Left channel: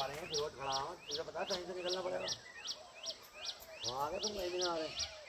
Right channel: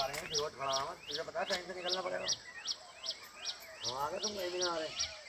आ रहे हैं, फिर खड़ा हुआ तुझे पता है, टाइम से निकलना पड़ेगा। हम आ गए, तुम कहीं भी ना आ रहे।